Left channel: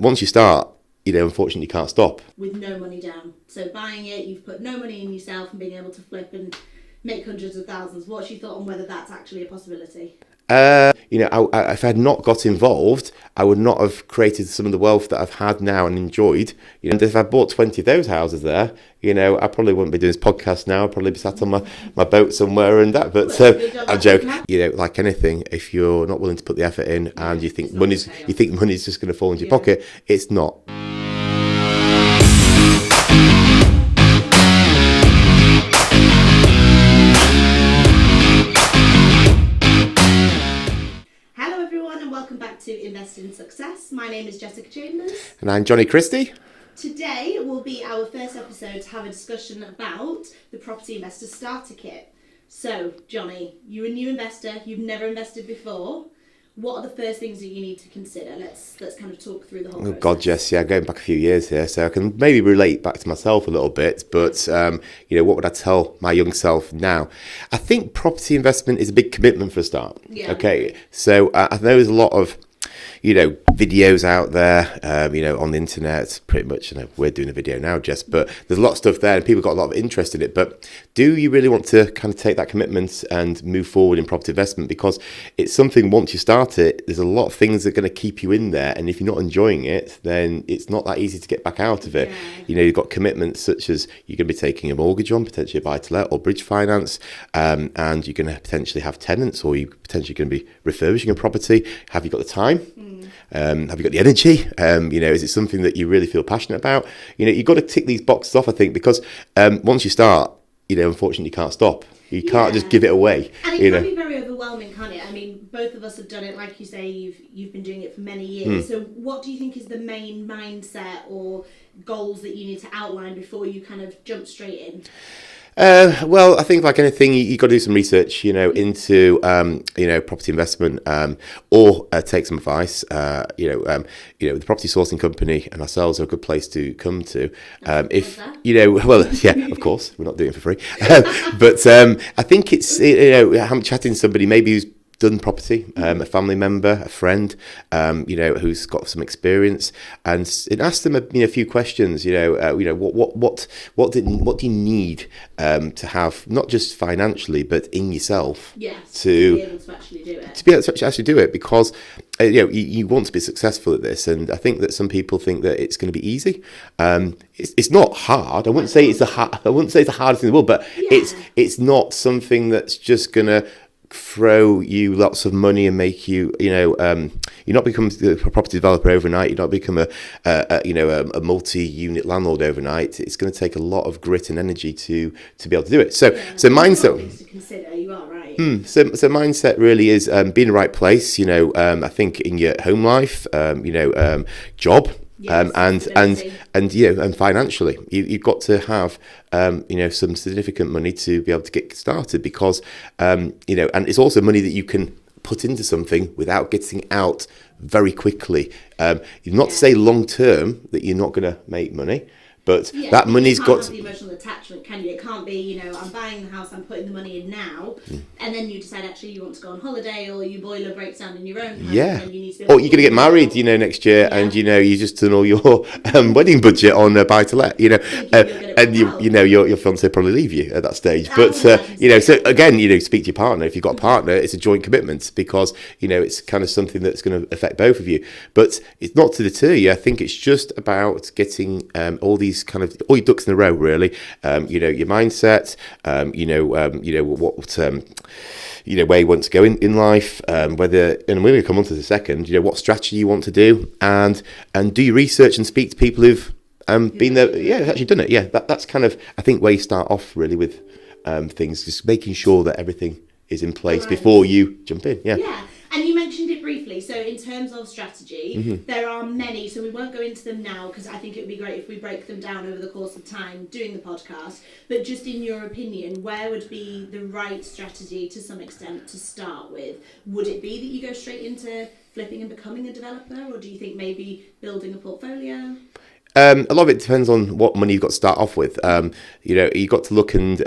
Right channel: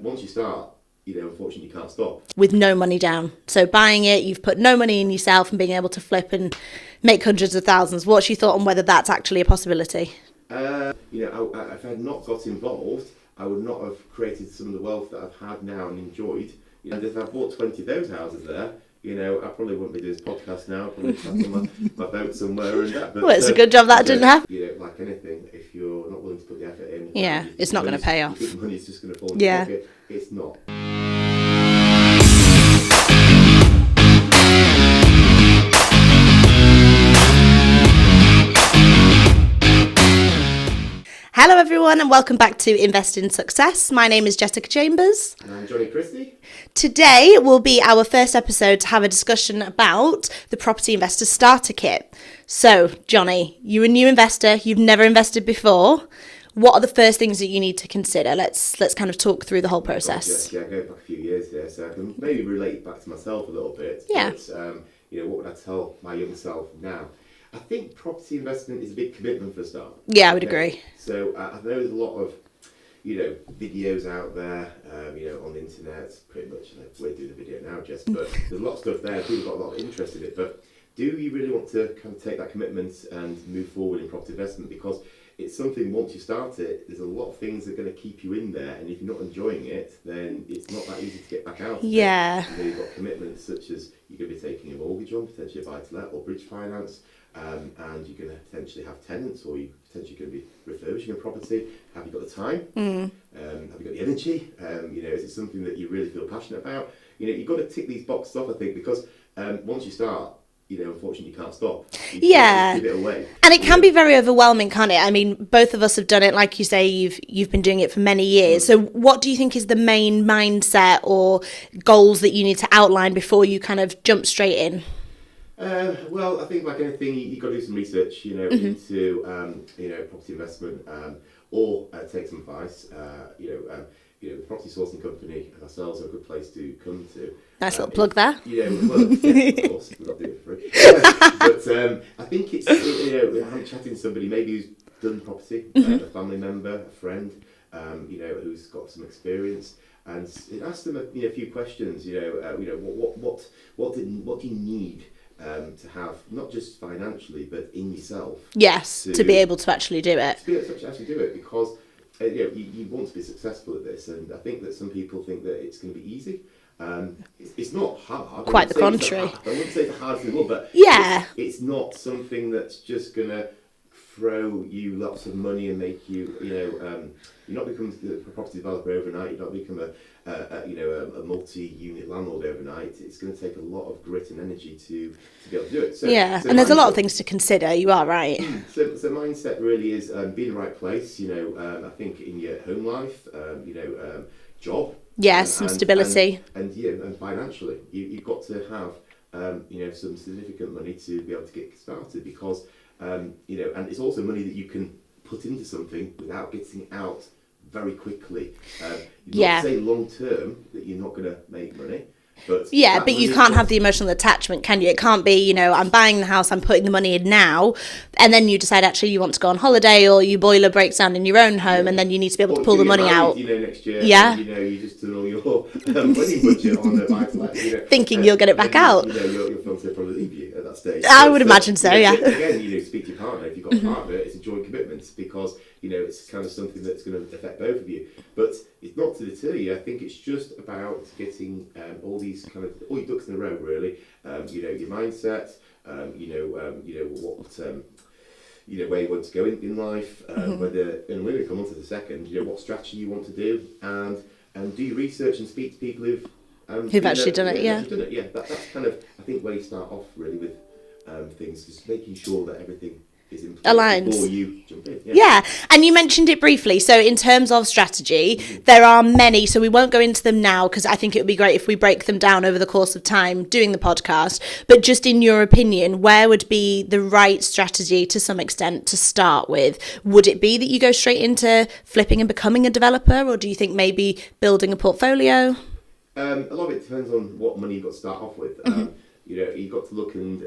once you start, unfortunately you can't stop. With no money down. So buying it, you've put no money in yourself and being able to flip and make hundreds of thousands. What's your thought on whether that's actually a possibility? If I had not got involved, I would not have created some of the wealth that I've had now and enjoyed. If I bought 20 of those houses there, I probably wouldn't be doing this podcast now. I'd probably be sat on my boat somewhere and that. But it's a good job that didn't happen. Like anything, if you're not willing to put the effort in and you think money's just going to fall into your pocket, it's not. Hello everyone and welcome back to Invest in Success. My name is Jessica Chambers. And I'm Johnny Christie. Today will be our first episode to have a discussion about the Property Investor Starter Kit. So, Johnny, you're a new investor, you've never invested before. What are the first things that you need to consider? Let's kind of talk through the whole process. God, Jess, going back a few years here, so I can maybe relate back to myself a little bit. But, what would I tell my young self now? I think property investment is a big commitment for a start. Yeah, I would agree. So I know there's a lot of, videos out there, on the internet, pretty much. We're doing a video now, Jess, but there's a lot of stuff there and people got a lot of interest in it. But do you really want to kind of take that commitment and move forward in property investment? Because it's something, once you start it, there's a lot of things that are going to keep you in there. And if you're not enjoying it, then it's not that easy to get back out of it. You've got commitments such as you're going to be taking a mortgage on, potentially a buy-to-let or bridge finance, and you're going to potentially have tenants, or you potentially going to be refurbishing a property. Have you got the time? Have you got the energy? Is it something that you really feel passionate about? You've got to tick these boxes off, I think, because once you start, unfortunately you can't stop. You can't just give it away. And it can be very overwhelming, can't it? I mean, both of us have done it. Like you say, you've been doing it for many years. So what do you think is the main mindset or goals that you need to outline before you kind of jump straight in? Well, I think like anything, you've got to do some research, into, property investment, or take some advice. The property sourcing company and ourselves are a good place to come to. Nice little plug there. Of course, we're not doing it for free. But I think it's, I'm chatting to somebody maybe who's done property, a family member, a friend, who's got some experience, and ask them a few questions. What do you need to have, not just financially, but in yourself? Yes, to be able to actually do it. To be able to actually do it, because you want to be successful at this, and I think that some people think that it's going to be easy. It's not hard. I wouldn't say it's the hardest in the world, but it's not something that's just going to throw you lots of money and make you, you're not become a property developer overnight. You don't become a multi-unit landlord overnight. It's going to take a lot of grit and energy to be able to do it. So and there's a lot of things to consider. You are right. So mindset really is being in the right place. I think in your home life, job. Yes, and stability. And financially, you've got to have some significant money to be able to get started, because and it's also money that you can put into something without getting out very quickly. Not to say long term that you're not going to make money. But you can't have the emotional attachment, can you? It can't be, I'm buying the house, I'm putting the money in now, and then you decide actually you want to go on holiday, or your boiler breaks down in your own home, and then you need to be able to pull the money out. Or you're going to get married, next year, and you just done all your wedding budget on buy-to-let, thinking you'll get it back out. Your fiancé probably leave you at that stage. I would imagine so. So again, speak to your partner. If you've got a partner, it's a joint commitment, because it's kind of something that's going to affect both of you. But it's not to deter you. I think it's just about getting all these kind of all your ducks in a row, really. Your mindset. Where you want to go in life. Whether, and we're going to come on to the second. What strategy you want to do, and do your research and speak to people who've actually done it. Yeah, that's kind of, I think, where you start off really with things, just making sure that everything is in place before you jump in. Yeah, and you mentioned it briefly. So in terms of strategy, there are many, so we won't go into them now, because I think it would be great if we break them down over the course of time doing the podcast. But just in your opinion, where would be the right strategy to some extent to start with? Would it be that you go straight into flipping and becoming a developer, or do you think maybe building a portfolio? A lot of it depends on what money you've got to start off with. You've got to look and,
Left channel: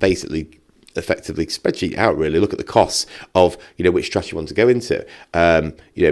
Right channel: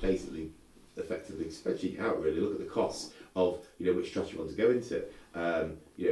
basically effectively spreadsheet out, really look at the costs of, which strategy you want to go into.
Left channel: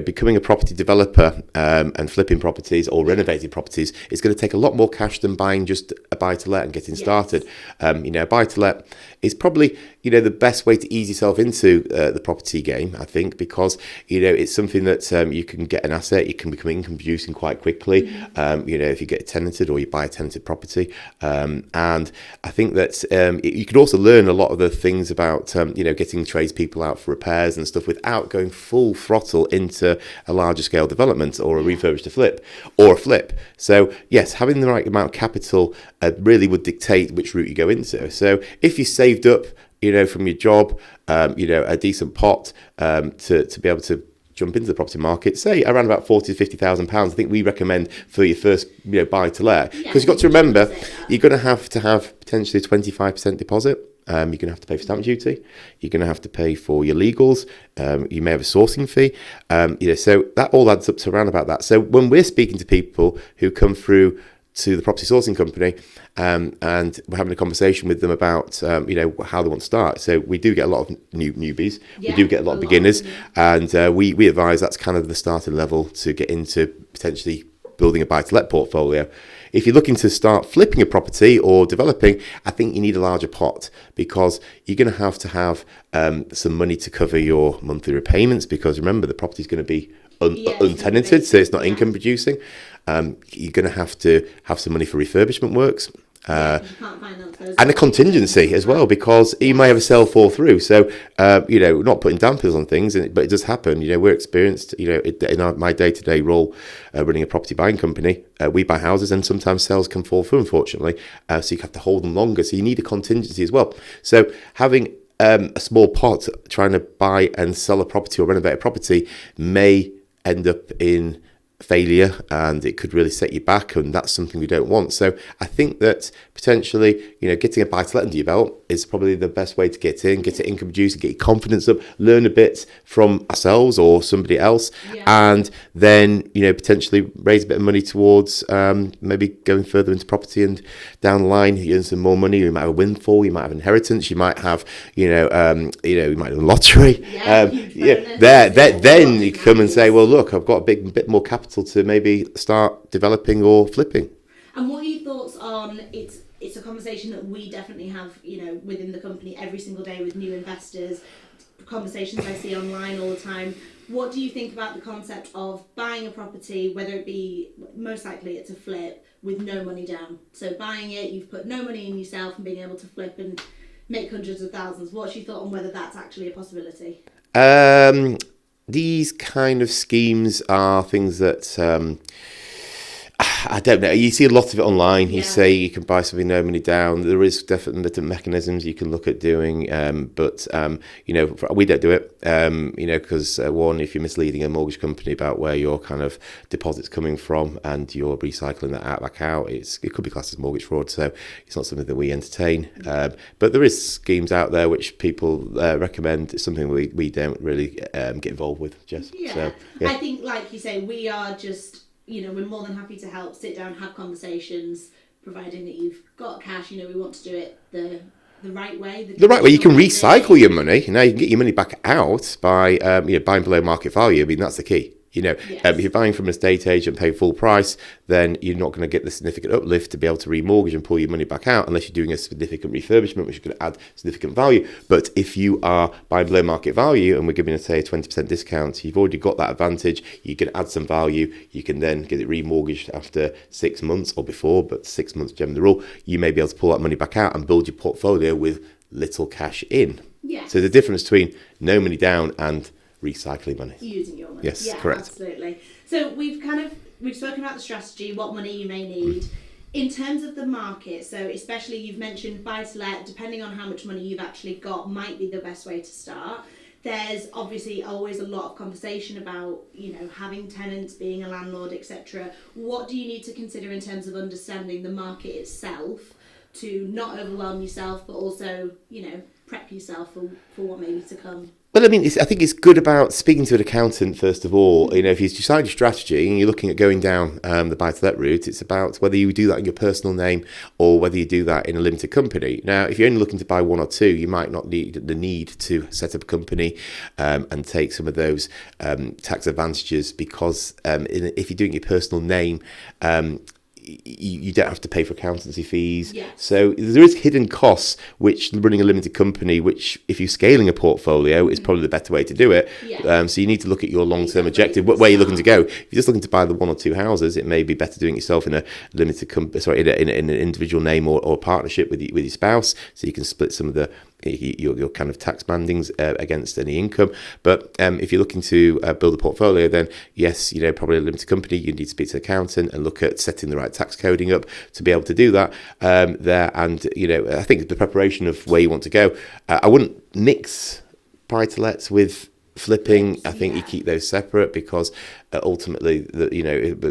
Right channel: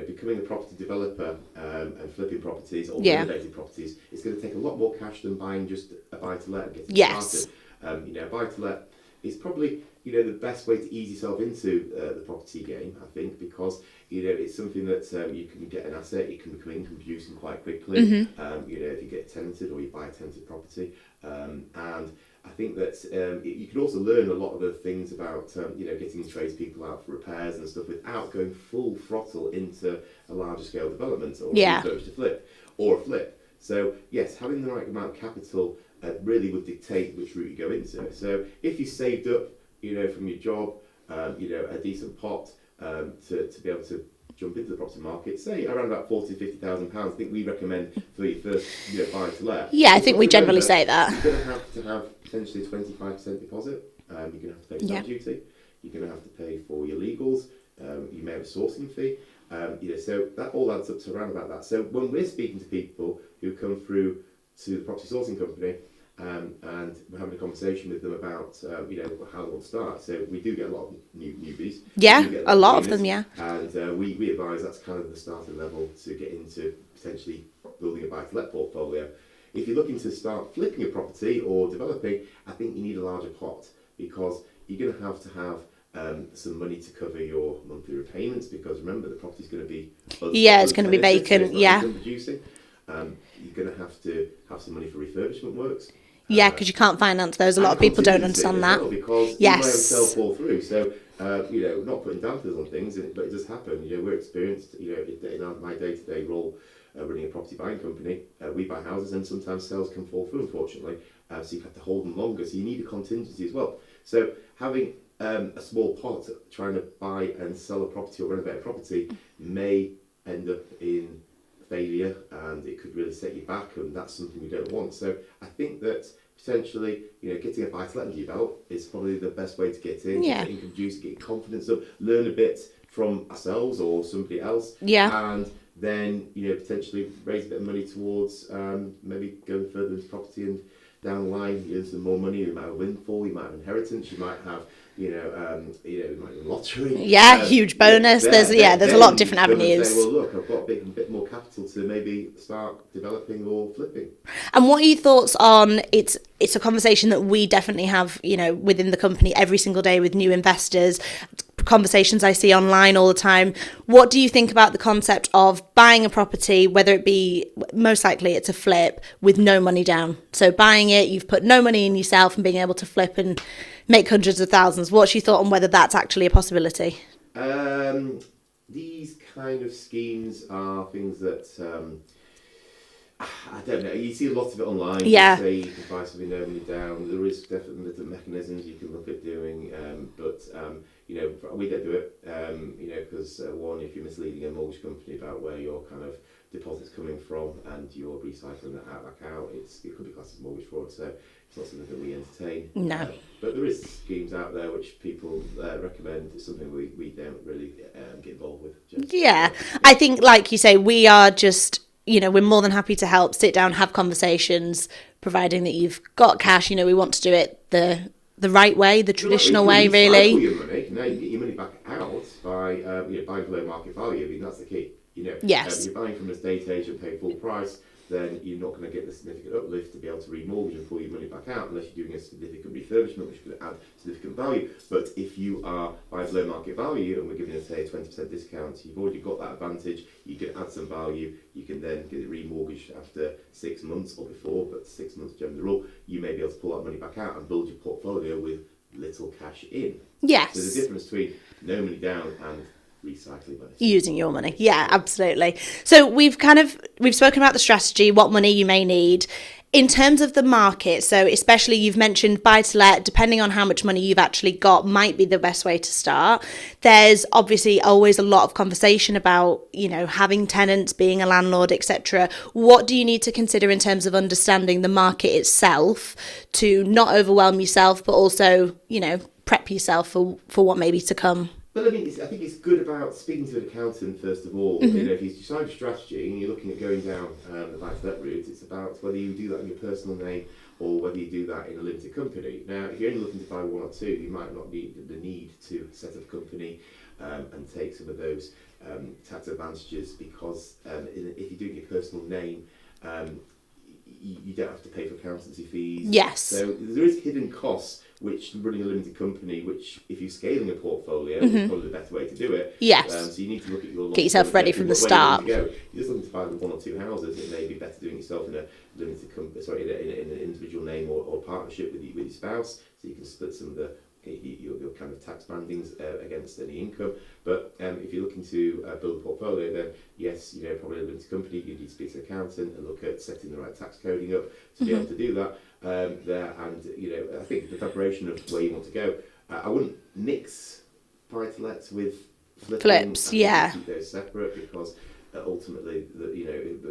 Becoming a property developer and flipping properties or renovating properties is going to take a lot more cash than buying just a buy-to-let and getting started. A buy-to-let is probably, the best way to ease yourself into the property game, I think, because, it's something that you can get an asset, you can become income producing quite quickly, if you get tenanted or you buy a tenanted property. And I think that you could also learn a lot of the things about, getting tradespeople out for repairs and stuff without going full throttle into a larger scale development or a refurbish to flip or a flip. So, yes, having the right amount of capital really would dictate which route you go into. So if you saved up, from your job, a decent pot to be able to jump into the property market, say around about £40,000 to £50,000, I think we recommend for your first buy to let. Yeah, I think we generally say that. You're going to have potentially a 25% deposit. You're going to have to pay for stamp duty. You're going to have to pay for your legals. You may have a sourcing fee. So that all adds up to around about that. So when we're speaking to people who come through to the property sourcing company, and we're having a conversation with them about, how they want to start. So we do get a lot of newbies. Yeah, we do get a lot of beginners. Of them, and we advise that's kind of the starting level to get into potentially building a buy-to-let portfolio. If you're looking to start flipping a property or developing, I think you need a larger pot because you're going to have some money to cover your monthly repayments because remember, the property's going to be untenanted, so it's not income producing. You're going to have some money for refurbishment works. Because you can't finance those. And a contingency as well, because you may have a sale fall through. So, not putting dampers on things, but it does happen. We're experienced, in my day-to-day role running a property buying company, we buy houses and sometimes sales can fall through, unfortunately. So you have to hold them longer. So you need a contingency as well. So having a small pot trying to buy and sell a property or renovate a property may end up in failure and it could really set you back, and that's something we don't want. So I think that potentially, getting a buy-to-let under your belt is probably the best way to get in, get it income producing, get your confidence up, learn a bit from ourselves or somebody else, and then, potentially raise a bit of money towards maybe going further into property, and down the line you earn some more money. You might have a windfall, you might have inheritance, you might have, you might have a lottery. Huge bonus. There's a lot of different avenues. Then you come and say, well, look, I've got a bit more capital to maybe start developing or flipping. And what are your thoughts on it's a conversation that we definitely have, within the company every single day with new investors, conversations I see online all the time. What do you think about the concept of buying a property, whether it be, most likely it's a flip, with no money down? So buying it, you've put no money in yourself, and being able to flip and make hundreds of thousands. What's your thought on whether that's actually a possibility? These kind of schemes are things that I don't know. You see a lot of it online. You say you can buy something no money down. There is definitely different mechanisms you can look at doing, but we don't do it. Because one, if you're misleading a mortgage company about where your kind of deposit's coming from and you're recycling that back out, it could be classed as mortgage fraud. So it's not something that we entertain. No. But there is schemes out there which people recommend. It's something we don't really get involved with. I think, like you say, we are just. We're more than happy to help, sit down, have conversations, providing that you've got cash. We want to do it the right way, the traditional way. You can recycle your money. You can get your money back out by buying below market value. I mean, that's the key. If you're buying from an estate agent, pay full price, then you're not going to get the significant uplift to be able to remortgage and pull your money back out unless you're doing a significant refurbishment, which is going to add significant value. But if you are buying below market value and we're giving, say, a 20% discount, you've already got that advantage. You can add some value. You can then get it remortgaged after 6 months or before, but 6 months generally the rule. You may be able to pull that money back out and build your portfolio with little cash in. Yes. So the difference between no money down and recycling money, using your money. Yes, correct. Absolutely. So we've spoken about the strategy, what money you may need in terms of the market. So especially, you've mentioned buy to let, depending on how much money you've actually got, might be the best way to start. There's obviously always a lot of conversation about having tenants, being a landlord, etc. What do you need to consider in terms of understanding the market itself to not overwhelm yourself, but also prep yourself for what may be to come? Well, I mean, I think it's good about speaking to an accountant, first of all. You know, if you decide your strategy and you're looking at going down the buy-to-let route, it's about whether you do that in your personal name or whether you do that in a limited company. Now, if you're only looking to buy one or two, you might not need the need to set up a company and take some of those tax advantages, because if you're doing your personal name, you don't have to pay for accountancy fees. Yes. So there is hidden costs, which running a limited company, which if you're scaling a portfolio is probably the better way to do it. Yes. So you need to look at your yourself long-term ready objective, from the where you're looking to start. go. If you're just looking to buy the one or two houses, it may be better doing it yourself in a limited company, in an individual name or partnership with your spouse, so you can split some of your kind of tax bandings against any income. But if you're looking to build a portfolio, then yes, probably a limited company, you need to speak to an accountant and look at setting the right tax coding up to be able to do that there. And I think the preparation of where you want to go, I wouldn't mix buy-to-lets with flipping. Flips, I think you keep those separate, because ultimately,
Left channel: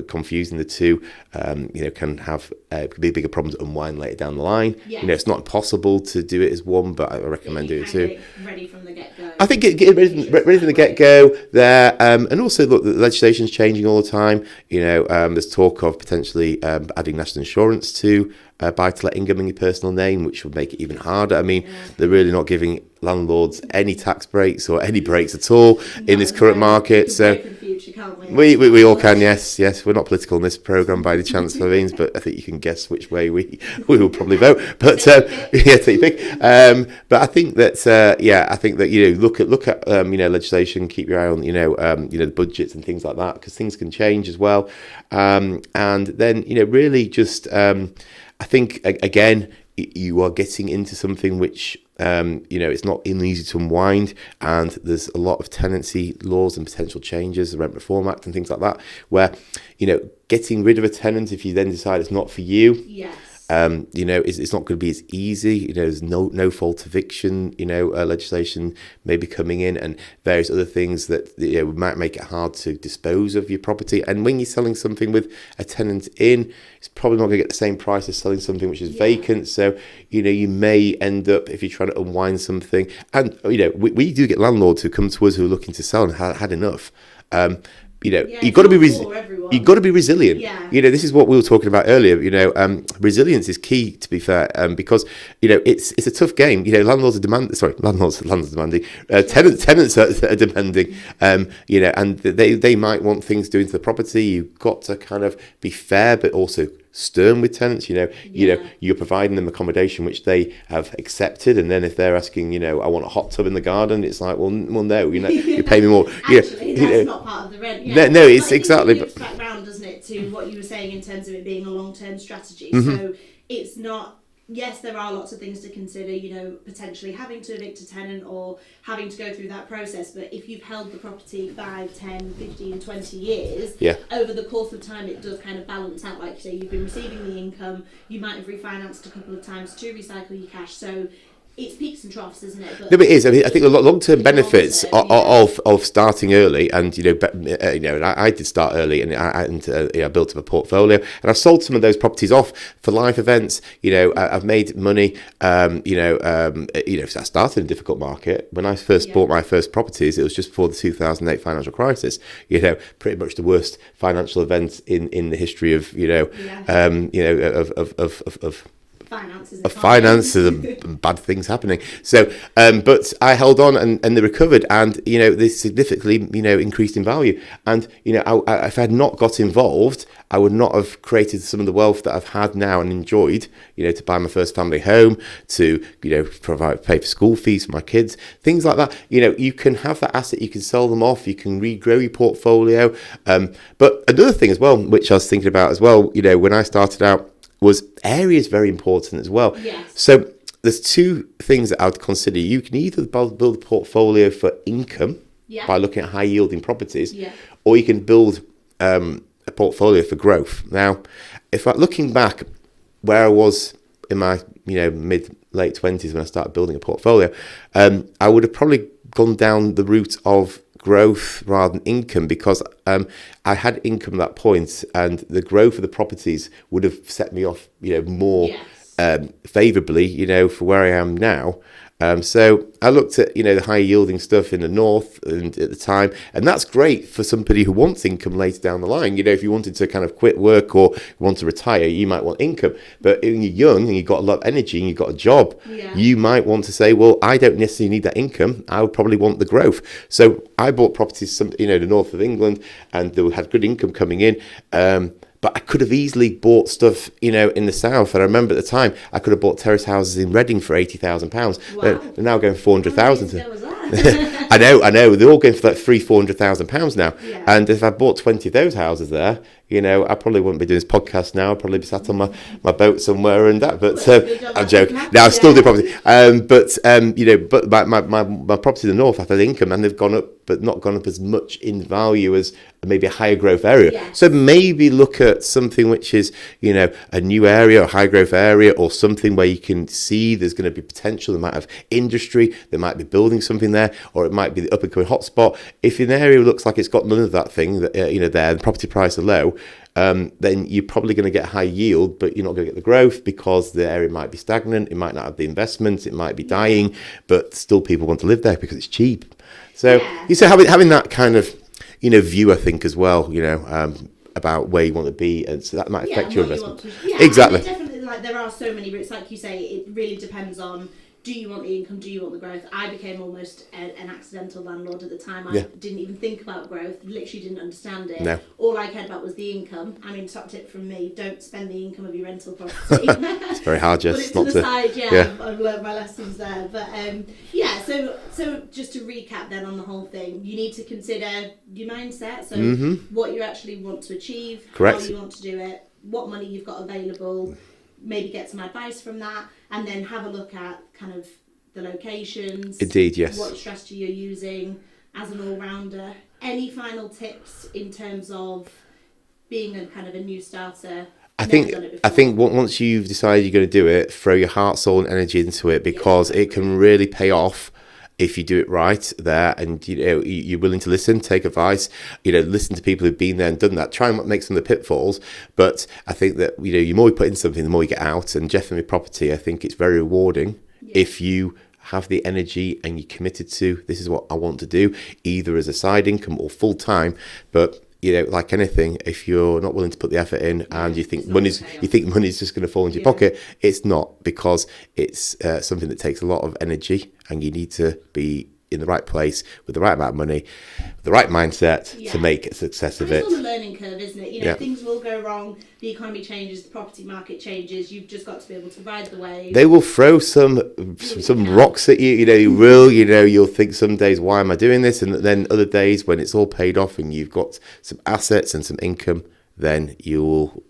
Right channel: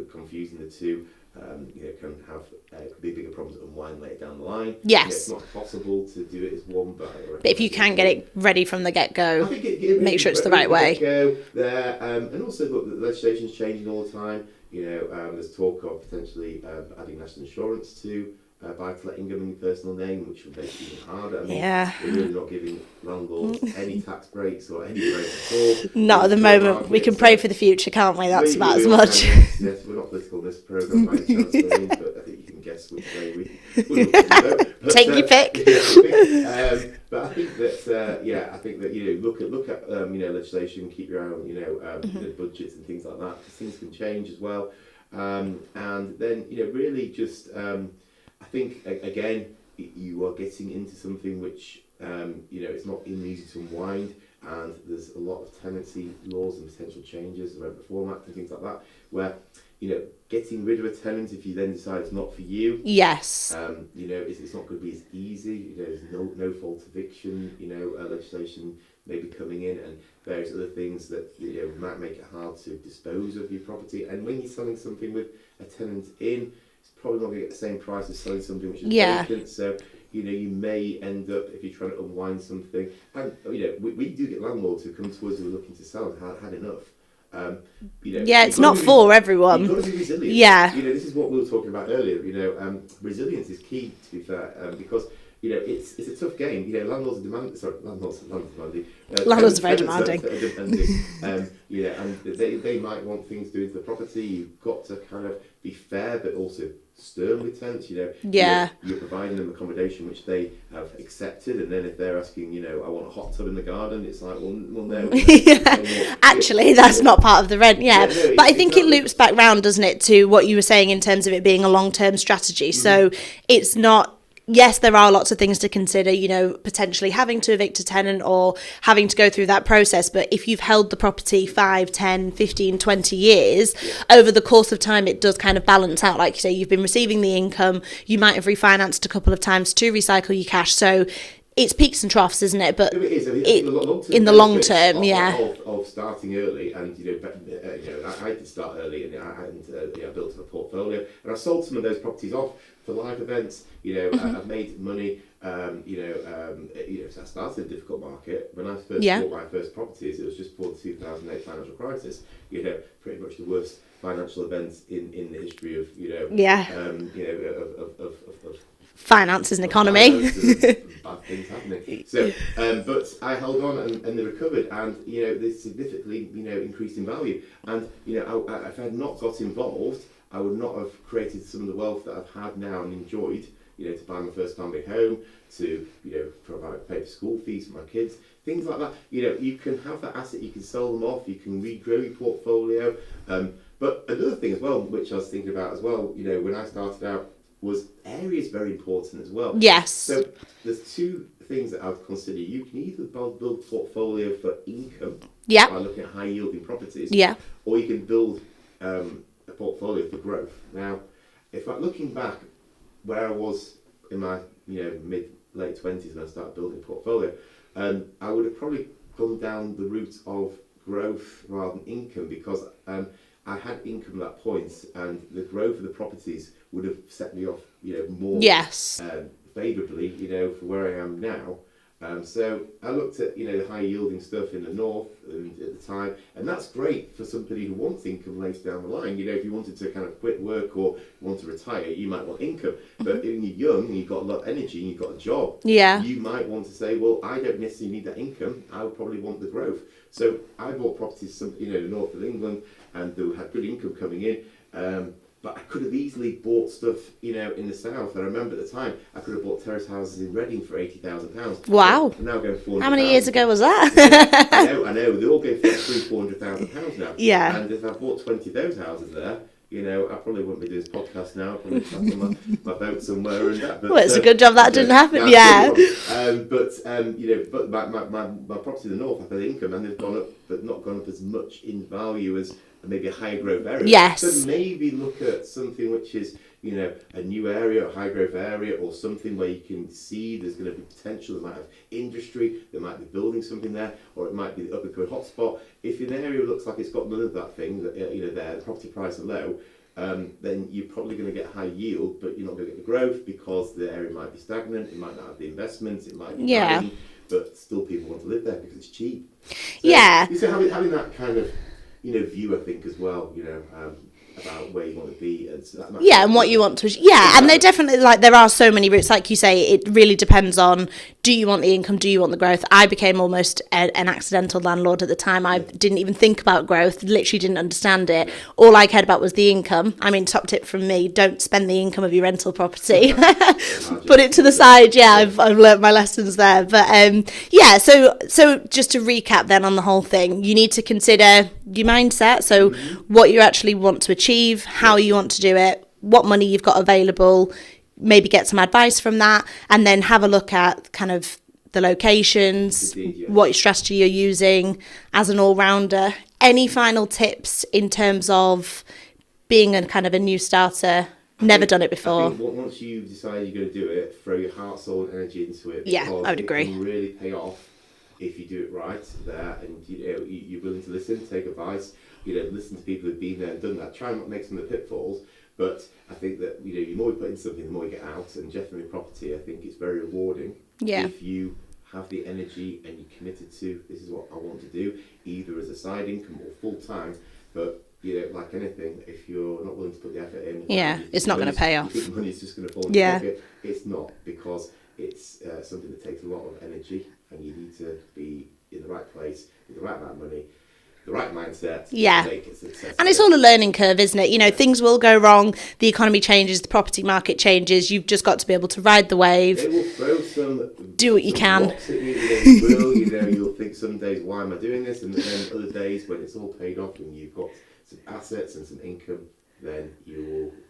confusing the two, can have could be a bigger problem to unwind later down the line. Yes. It's not possible to do it as one, but I recommend But if you doing can two. get it ready from the get-go, I think make sure it's the right from the way. get-go there, and also look, the legislation's changing all the time. There's talk of potentially adding national insurance to buy-to-let income in your personal name, which would make it even harder. I mean, they're really not giving landlords any tax breaks or any breaks at all in not this at the current moment. market. We can pray for the future, can't we? That's We about all as much. can, yes. We're not political in this programme by any chance, Naveen, but I think you can guess which way we will probably vote. But, Take your pick. Yeah, take your pick. But I think that, look at legislation, keep your eye on, the budgets and things like that, because things can change as well. And then, really just, I think, again, you are getting into something which, it's not easy to unwind, and there's a lot of tenancy laws and potential changes, the Rent Reform Act and things like that, where, getting rid of a tenant if you then decide it's not for you. Yes. It's not going to be as easy. There's no fault eviction, legislation may be coming in, and various other things that might make it hard to dispose of your property. And when you're selling something with a tenant in, it's probably not going to get the same price as selling something which is vacant. So, you may end up, if you're trying to unwind something, and, we do get landlords who come to us who are looking to sell and had enough. It's not for everyone. You've got to be resilient. Yeah. This is what we were talking about earlier. Resilience is key, to be fair, because it's a tough game. Landlords are demanding. Landlords are demanding. Tenants are demanding. And they might want things doing to the property. You've got to kind of be fair, but also stern with tenants. You're providing them accommodation which they have accepted, and then if they're asking, I want a hot tub in the garden, it's like, well no, you pay me more. Actually, that's not part of the rent. Yeah, no, but I think exactly. it loops back round, doesn't it, to what you were saying in terms of it being a long-term strategy. So it's not. Yes, there are lots of things to consider, potentially having to evict a tenant or having to go through that process. But if you've held the property 5, 10, 15, 20 years, over the course of time, it does kind of balance out. Like you say, you've been receiving the income. You might have refinanced a couple of times to recycle your cash. So it's peaks and troughs, isn't it? But no, but it is. I mean, I think the long-term benefits of starting early, and and I did start early, and I built up a portfolio, and I've sold some of those properties off for life events. I've made money. So I started in a difficult market when I first bought my first properties. It was just before the 2008 financial crisis. Pretty much the worst financial event in the history of of finances and economy. Finances and bad things happening. So, but I held on, and they recovered, and they significantly increased in value. And if I had not got involved, I would not have created some of the wealth that I've had now and enjoyed. To buy my first family home, to pay for school fees for my kids, things like that. You can have that asset, you can sell them off, you can regrow your portfolio. But another thing as well, which I was thinking about as well, when I started out, was area is very important as well. Yes. So there's two things that I would consider. You can either build a portfolio for income by looking at high yielding properties, or you can build a portfolio for growth. Now, looking back where I was in my late 20s when I started building a portfolio, I would have probably gone down the route of growth rather than income, because I had income at that point, and the growth of the properties would have set me off more favourably for where I am now. So I looked at, the high yielding stuff in the north and at the time, and that's great for somebody who wants income later down the line. If you wanted to kind of quit work or want to retire, you might want income. But when you're young and you've got a lot of energy and you've got a job, you might want to say, well, I don't necessarily need that income. I would probably want the growth. So I bought properties, the north of England, and they had good income coming in. But I could have easily bought stuff, in the south. And I remember at the time, I could have bought terrace houses in Reading for £80,000. Wow. They're now going 400,000. How many years ago was that? I know. They're all going for like £400,000 now. Yeah. And if I bought 20 of those houses there, I probably wouldn't be doing this podcast now. I'd probably be sat on my boat somewhere and that. But well, it's a good job that didn't happen. No, I still do property. But my property in the north, I've had income and they've gone up, but not gone up as much in value as maybe a higher growth area. Yes. So maybe look at something which is, a new area, a high growth area, or something where you can see there's going to be potential. They might have industry, they might be building something there, or it might be the up and coming hotspot. If an area looks like it's got none of that thing, there, the property price are low, then you're probably going to get high yield, but you're not going to get the growth because the area might be stagnant. It might not have the investment. It might be dying, but still people want to live there because it's cheap. So you say having that kind of view, I think, as well, about where you want to be, and so that might and what you want to exactly. And they're definitely there are so many routes, like you say. It really depends on, do you want the income, do you want the growth? I became almost an accidental landlord at the time. I didn't even think about growth, literally didn't understand it. No. All I cared about was the income. I mean, top tip from me, don't spend the income of your rental property. It's very hard. Put it to the side. I've learnt my lessons there, but so just to recap then on the whole thing, you need to consider your mindset, so what you actually want to achieve, how you want to do it, what money you've got available, maybe get some advice from that, and then have a look at kind of the locations. Indeed, yes. What strategy you're using as an all-rounder. Any final tips in terms of being a kind of a new starter? Never done it before. I think once you've decided you're going to do it, throw your heart, soul and energy into it, because it can really pay off if you do it right there, and you're willing to listen, take advice, listen to people who've been there and done that. Try and make some of the pitfalls, but I think that the more you put in something, the more you get out. And definitely property, I think it's very rewarding if you have the energy and you're committed to, this is what I want to do, either as a side income or full time. But like anything, if you're not willing to put the effort in and you think money's just going to fall into your pocket, it's not, because it's something that takes a lot of energy, and you need to be in the right place with the right amount of money, the right mindset to make a success. And it's all a learning curve, isn't it? Things will go wrong. The economy changes, the property market changes. You've just got to be able to ride the wave. They will throw some rocks at you. You will. You'll think some days, why am I doing this? And then other days when it's all paid off and you've got some assets and some income, then you'll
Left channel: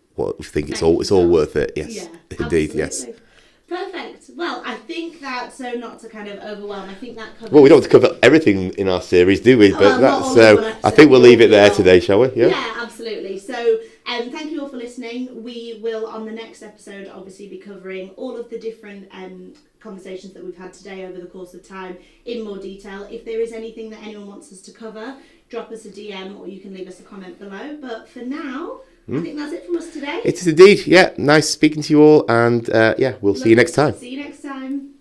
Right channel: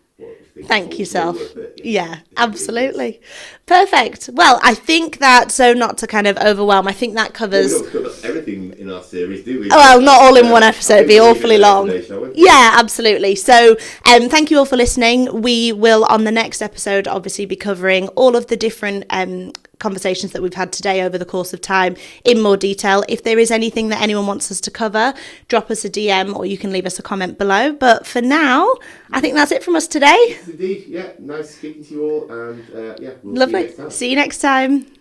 think it's all worth it. Yes, yeah, absolutely. Yes. Perfect. Well, I think that, so not to kind of overwhelm, I think that covers... Well, we don't have to cover everything in our series, do we? Well, not all in one episode. I think we'll leave it there today, shall we? Yeah, absolutely. So thank you all for listening. We will, on the next episode, obviously be covering all of the different conversations that we've had today over the course of time in more detail. If there is anything that anyone wants us to cover, drop us a DM or you can leave us a comment below. But for now, I think that's it from us today. It is indeed. Yeah, nice speaking to you all, and we'll see you next time. See you next time.